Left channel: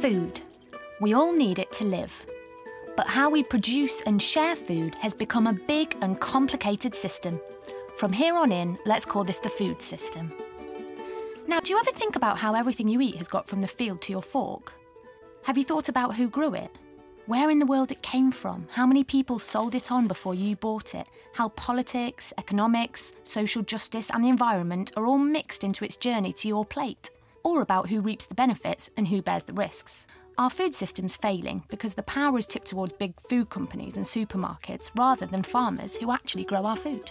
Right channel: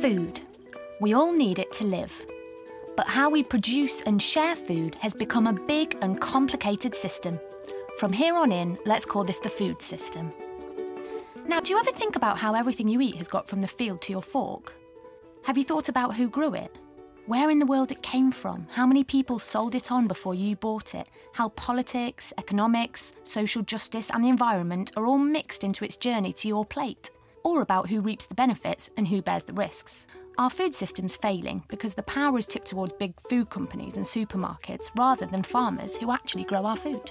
Food. We all need it to live. But how we produce and share food has become a big and complicated system. From here on in, let's call this the food system. Now, do you ever think about how everything you eat has got from the field to your fork? Have you thought about who grew it? Where in the world it came from? How many people sold it on before you bought it? How politics, economics, social justice and the environment are all mixed into its journey to your plate? Or about who reaps the benefits and who bears the risks? Our food system's failing because the power is tipped towards big food companies and supermarkets rather than farmers who actually grow our food.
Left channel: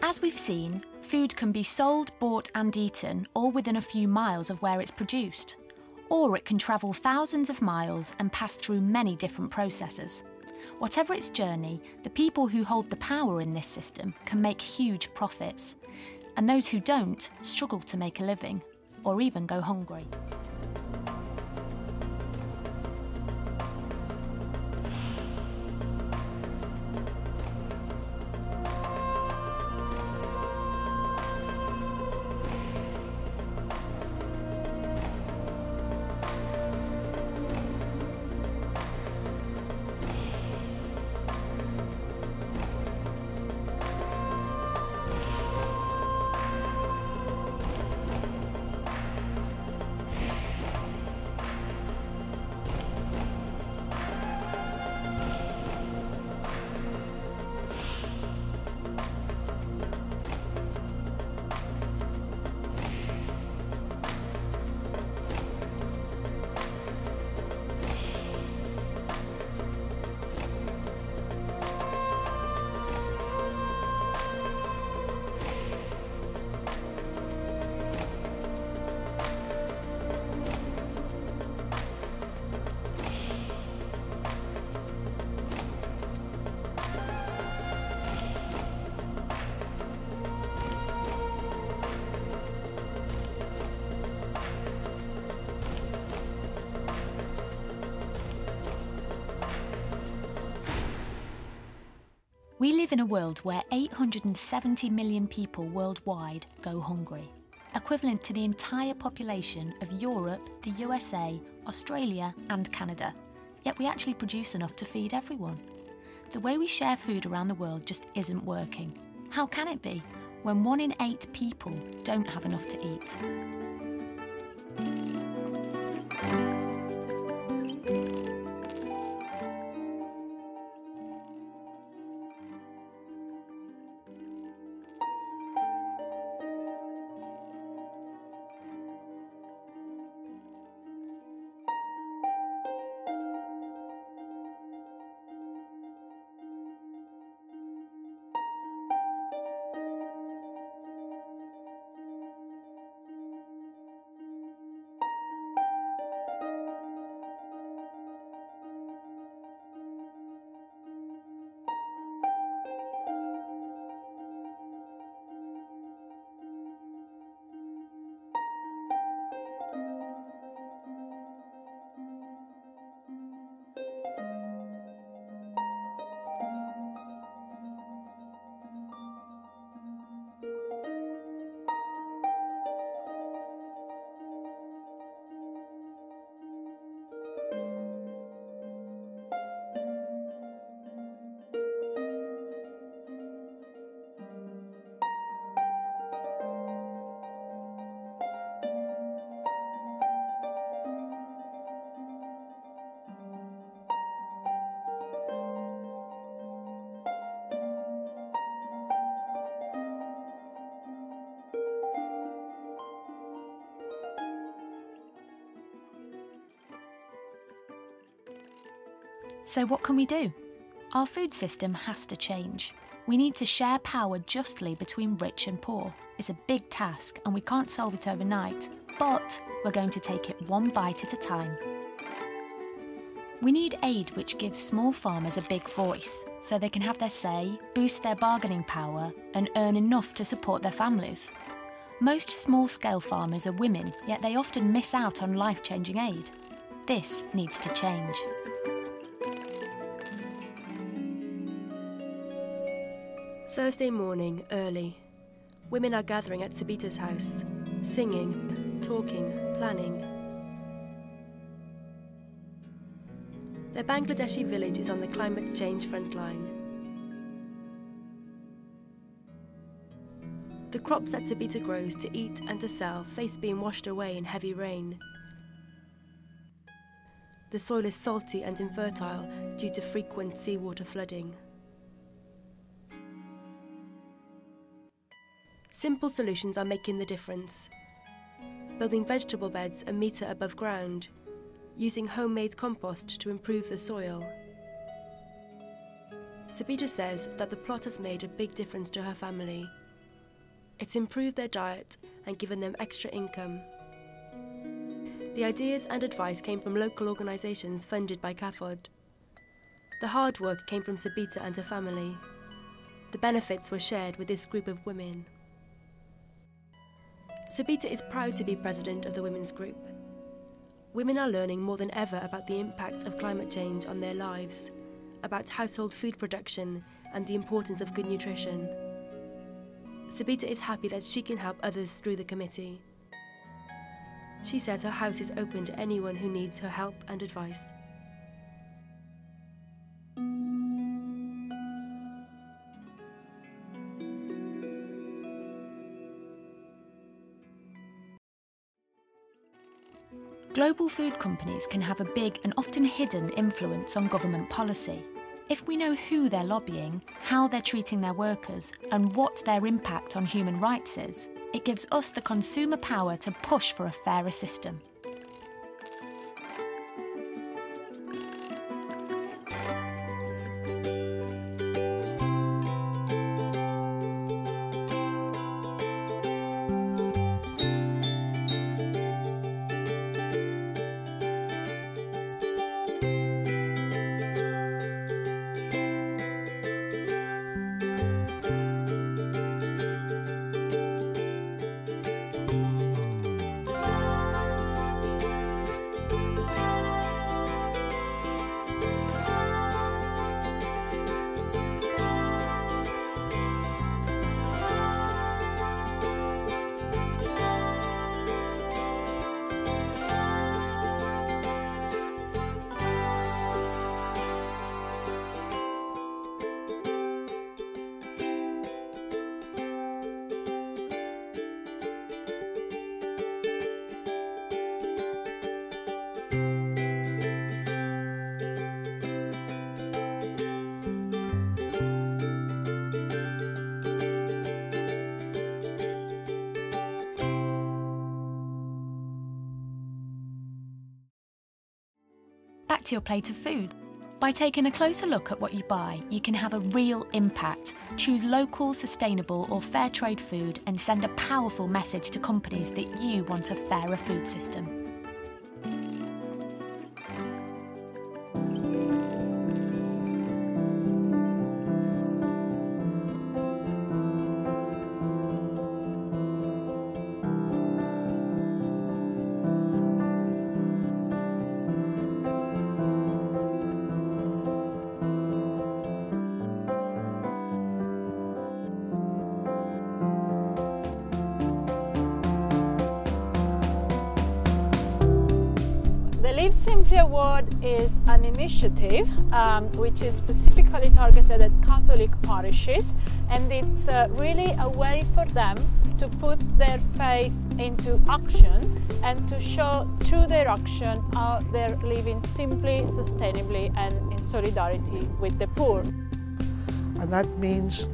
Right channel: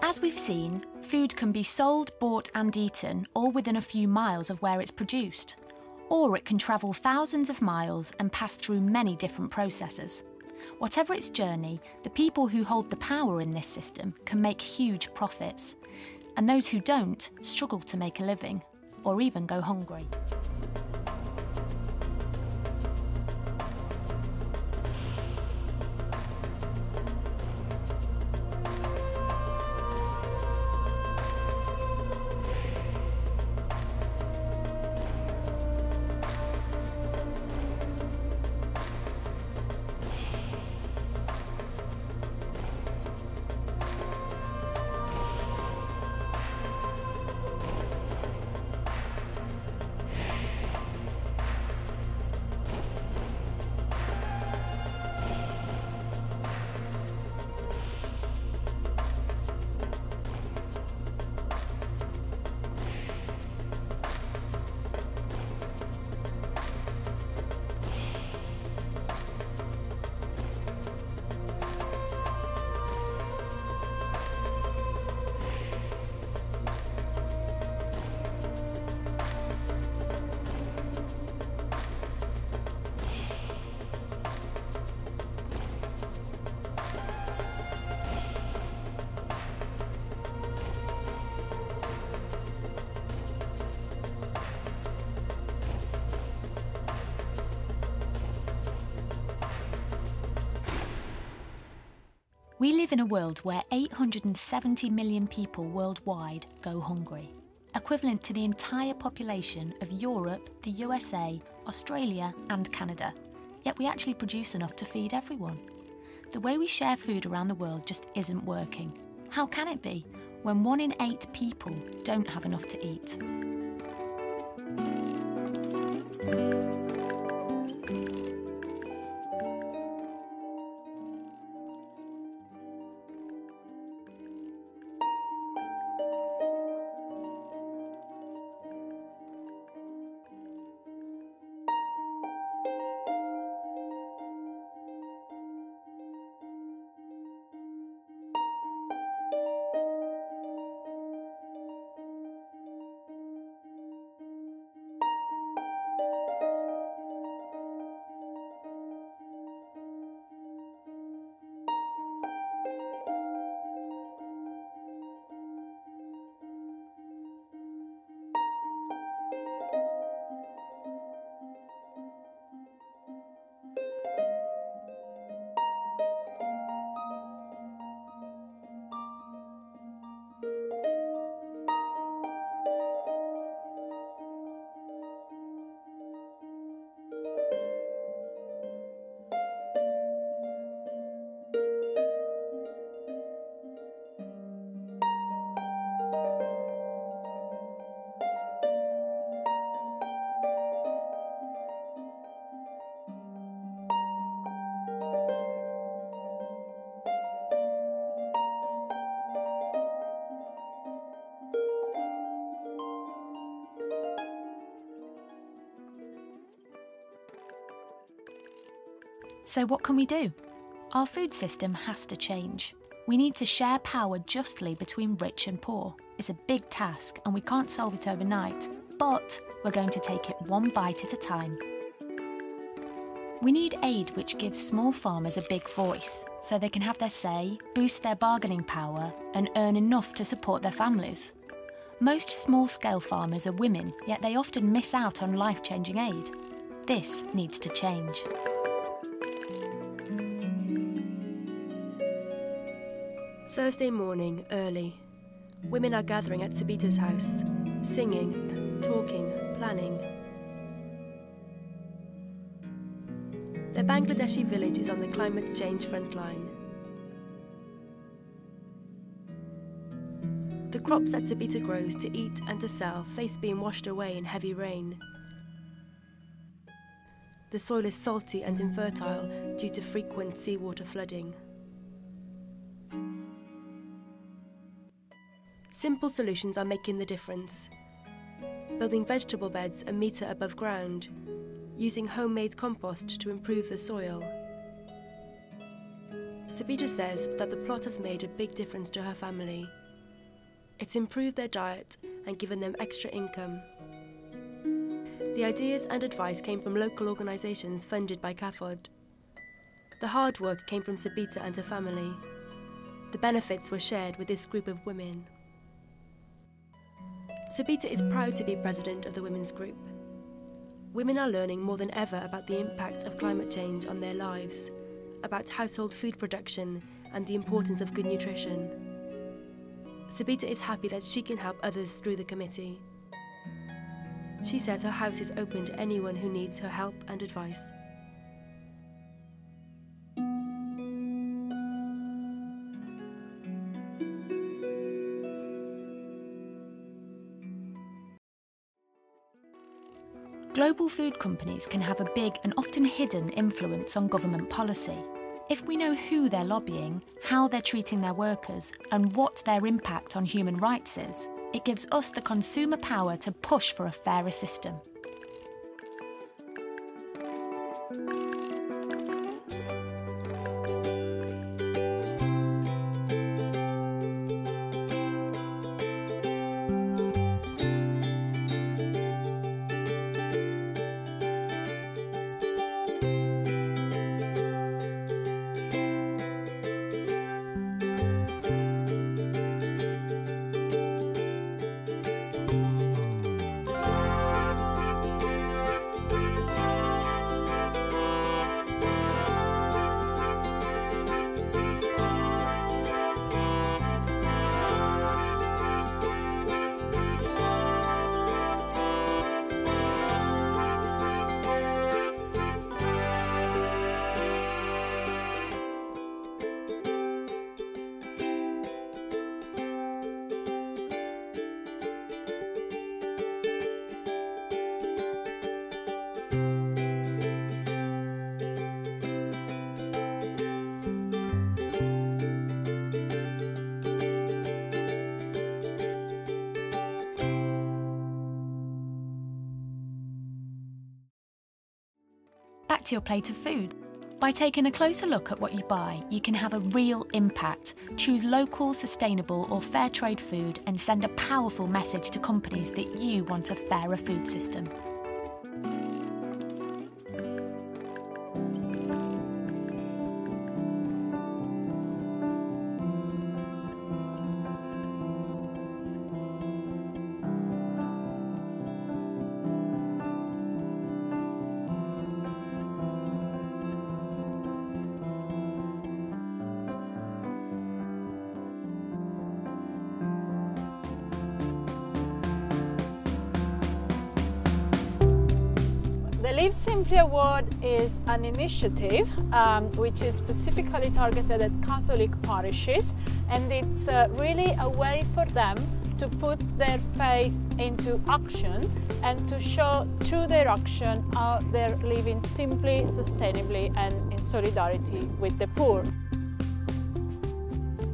As we've seen, food can be sold, bought and eaten all within a few miles of where it's produced. Or it can travel thousands of miles and pass through many different processes. Whatever its journey, the people who hold the power in this system can make huge profits. And those who don't struggle to make a living, or even go hungry. We live in a world where 870 million people worldwide go hungry, equivalent to the entire population of Europe, the USA, Australia and Canada. Yet we actually produce enough to feed everyone. The way we share food around the world just isn't working. How can it be when 1 in 8 people don't have enough to eat? So what can we do? Our food system has to change. We need to share power justly between rich and poor. It's a big task and we can't solve it overnight, but we're going to take it one bite at a time. We need aid which gives small farmers a big voice, so they can have their say, boost their bargaining power and earn enough to support their families. Most small-scale farmers are women, yet they often miss out on life-changing aid. This needs to change. Thursday morning, early. Women are gathering at Sabita's house, singing, talking, planning. The Bangladeshi village is on the climate change front line. The crops that Sabita grows to eat and to sell face being washed away in heavy rain. The soil is salty and infertile due to frequent seawater flooding. Simple solutions are making the difference. Building vegetable beds a metre above ground, using homemade compost to improve the soil. Sabita says that the plot has made a big difference to her family. It's improved their diet and given them extra income. The ideas and advice came from local organisations funded by CAFOD. The hard work came from Sabita and her family. The benefits were shared with this group of women. Sabita is proud to be president of the women's group. Women are learning more than ever about the impact of climate change on their lives, about household food production and the importance of good nutrition. Sabita is happy that she can help others through the committee. She says her house is open to anyone who needs her help and advice. Global food companies can have a big and often hidden influence on government policy. If we know who they're lobbying, how they're treating their workers, and what their impact on human rights is, it gives us the consumer power to push for a fairer system. Back to your plate of food. By taking a closer look at what you buy, you can have a real impact. Choose local, sustainable or fair trade food and send a powerful message to companies that you want a fairer food system. The Live Simply Award is an initiative which is specifically targeted at Catholic parishes, and it's really a way for them to put their faith into action and to show through their action how they're living simply, sustainably and in solidarity with the poor. And that means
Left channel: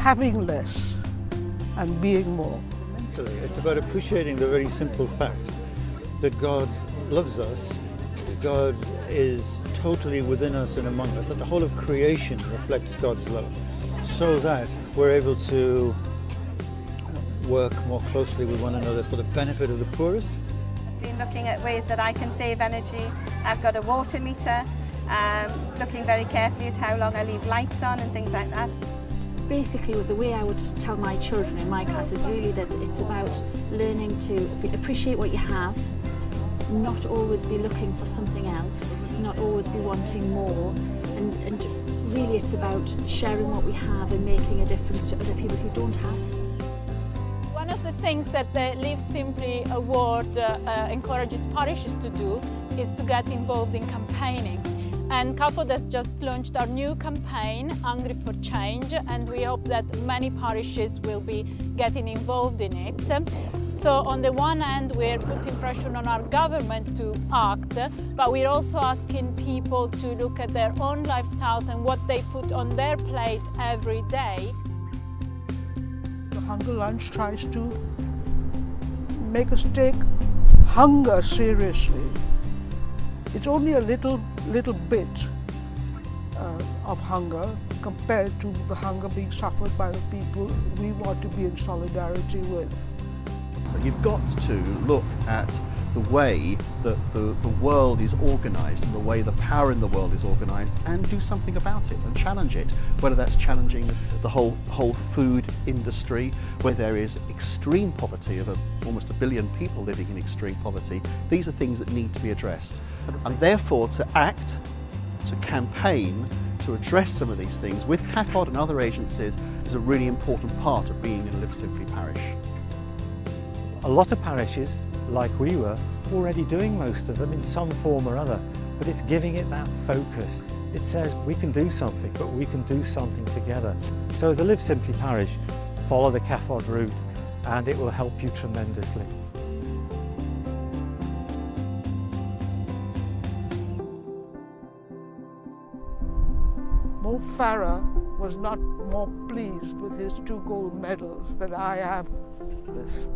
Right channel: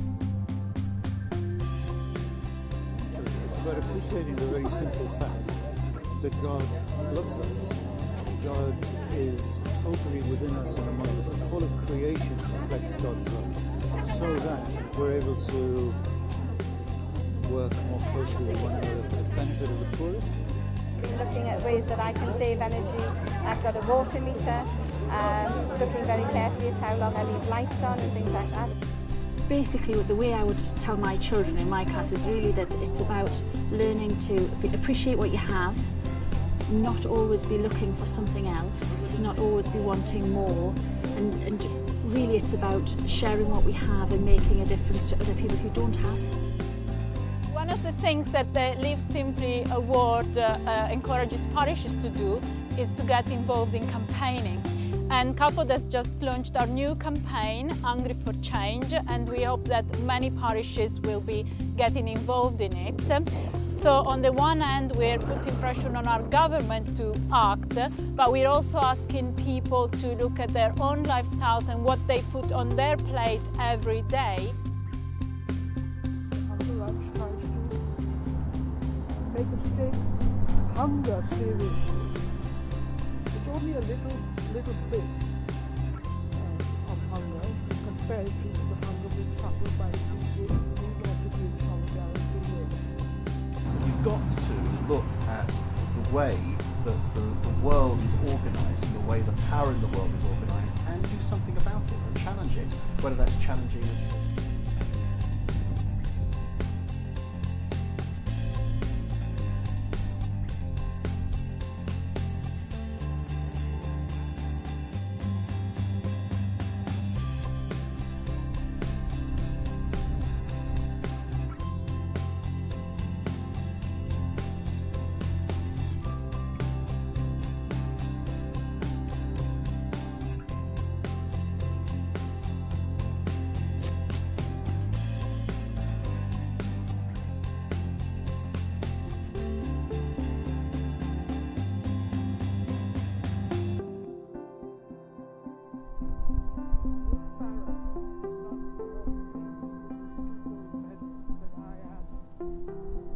having less and being more. So it's about appreciating the very simple fact that God loves us God is totally within us and among us, that the whole of creation reflects God's love, so that we're able to work more closely with one another for the benefit of the poorest. Been looking at ways that I can save energy. I've got a water meter, looking very carefully at how long I leave lights on and things like that. Basically, the way I would tell my children in my class is really that it's about learning to appreciate what you have, not always be looking for something else, not always be wanting more, and really it's about sharing what we have and making a difference to other people who don't have. One of the things that the Live Simply Award encourages parishes to do is to get involved in campaigning. And CAFOD has just launched our new campaign, Hungry for Change, and we hope that many parishes will be getting involved in it. So on the one hand, we're putting pressure on our government to act, but we're also asking people to look at their own lifestyles and what they put on their plate every day. The Hunger Lunch tries to make us take hunger seriously. It's only a little bit of hunger compared to the hunger being suffered by the people we want to be in solidarity with. So you've got to look at the way that the world is organised and the way the power in the world is organised, and do something about it and challenge it, whether that's challenging the whole food industry, where there is extreme poverty of almost 1 billion people living in extreme poverty. These are things that need to be addressed, and therefore to act, to campaign, to address some of these things with CAFOD and other agencies is a really important part of being in a Live Simply parish. A lot of parishes, like we were, already doing most of them in some form or other, but it's giving it that focus. It says we can do something, but we can do something together. So as a Live Simply parish, follow the CAFOD route and it will help you tremendously. Mo Farah was not more pleased with his 2 gold medals than I am. This.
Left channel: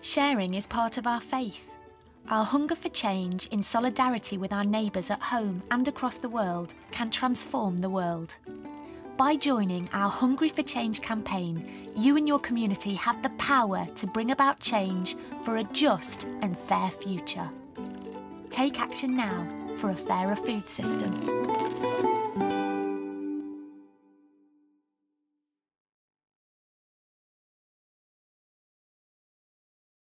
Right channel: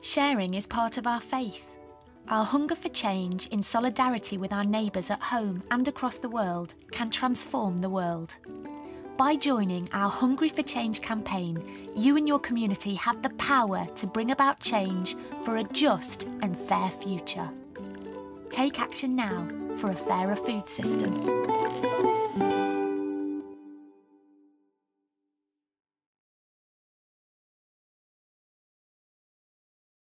Sharing is part of our faith. Our hunger for change in solidarity with our neighbours at home and across the world can transform the world. By joining our Hungry for Change campaign, you and your community have the power to bring about change for a just and fair future. Take action now for a fairer food system.